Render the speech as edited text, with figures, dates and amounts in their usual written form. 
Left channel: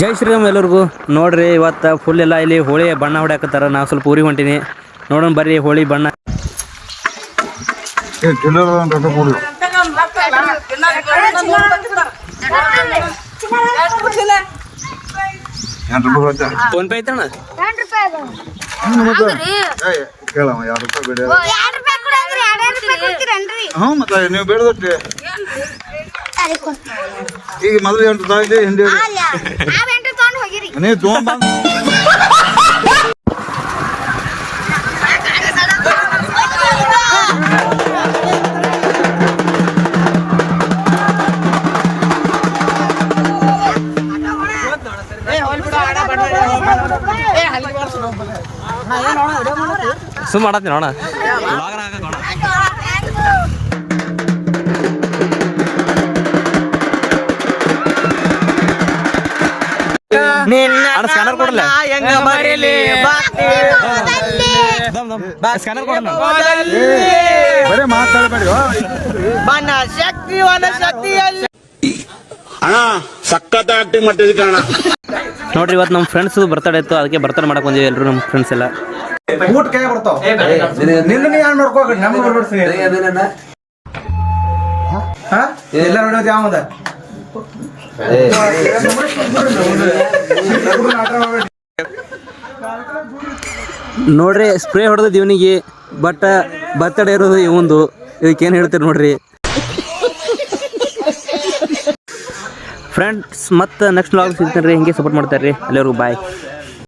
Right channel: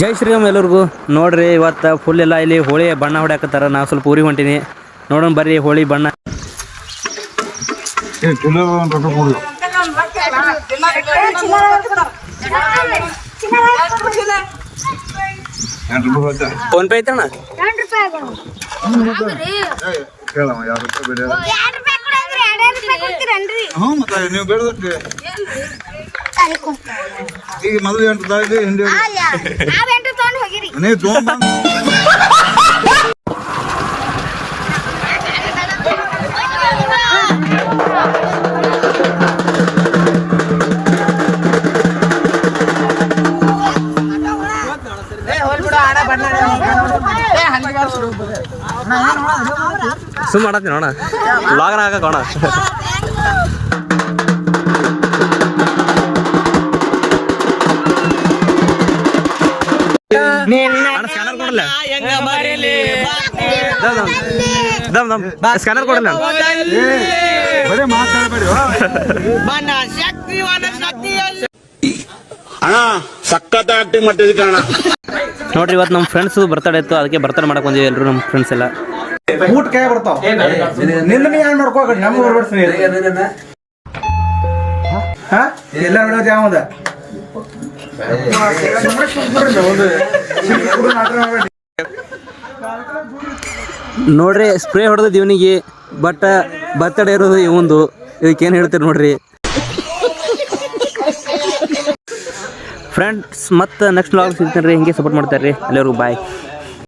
ಜೈ ಶ್ರೀರಾಮ್ ಎಲ್ಲರಿಗೂ. ನೋಡ್ರಿ ಇವತ್ತು ಫುಲ್ ಎಲ್ಲ ಇಲ್ಲಿ ಹೋಳಿ ಬಣ್ಣ ಹೊಡ್ಯಾಕತ್ತಾರ. ನಾವು ಸ್ವಲ್ಪ ಊರಿಗೆ ಹೊಂಟೀನಿ, ನೋಡೋಣ ಬರ್ರಿ ಹೋಳಿ ಬಣ್ಣ. ಫೋನ್ ಪೇ ಐತಣ್ಣ? ನೀವು ಬೇಡದಕ್ಕೆ ಈಗ ಮೊದಲು 8 ತಾಯಿದೆ ಹಿಂದೆ ನೀವು ತೊಗೊಂಡ್ ಸುಮ್ಮ ಮಾಡತ್ತೀನಿ ನೋಡ ಲಾಗನ ಹಾಕೋಣ. ಸ್ಕ್ಯಾನರ್ ಕೊಡಲ್ಲ, ಸ್ಕ್ಯಾನರ್ ಕೊಡಲ್ಲ. ಬರೀ ಮಾತಾಡಬೇಡಿ ಅಣ್ಣ, ಸಖತ್ ಆಕ್ಟಿಂಗ್ ಮಾಡ್ತಿದ್ವಿ ಕಣ. ನೋಡ್ರಿ ಇವತ್ತು ನಮ್ಮ ಫ್ರೆಂಡ್ಸ್ ಬರ್ತಡೇ ಇತ್ತು, ಅದಕ್ಕೆ ಬರ್ತಡೇ ಮಾಡಕ್ ಬಂದಿವಿ ಎಲ್ಲರೂ ನಮ್ಮ ಫ್ರೆಂಡ್ಸ್ ಎಲ್ಲ. ಊಟ ಕೈ ಬರ್ತಾವ ನಿನ್ನ ನೋಡ್ಕೋ, ನಮ್ಗೆ ಬರ್ಬರ್ತೀನಿ ಎಲ್ಲ ನೋಡೋದು ಯಾವದ ನೋಡ್ರಿ ಸ್ಪ್ರೇ ಹೊಡೆದ ಇವನಿಗೆ, ಬಟ್ ಬರ್ತಡೇ ಇರೋದು ಇವಂದು. ಇದಕ್ಕೇನು ಹೇಳ್ತೀರಿ ನೋಡ್ರಿ ಫ್ರೆಂಡ್ಸ್. ಮತ್ತೆ ನೆಕ್ಸ್ಟ್ ವ್ಲಾಗ್ ಸಿಗ್ತೀನಿ ರೀ. ಹಿಂಗೆ ಸಪೋರ್ಟ್ ಮಾಡ್ತಾರೆ ರೀ. ಎಲ್ಲರಿಗೂ ಬಾಯ್.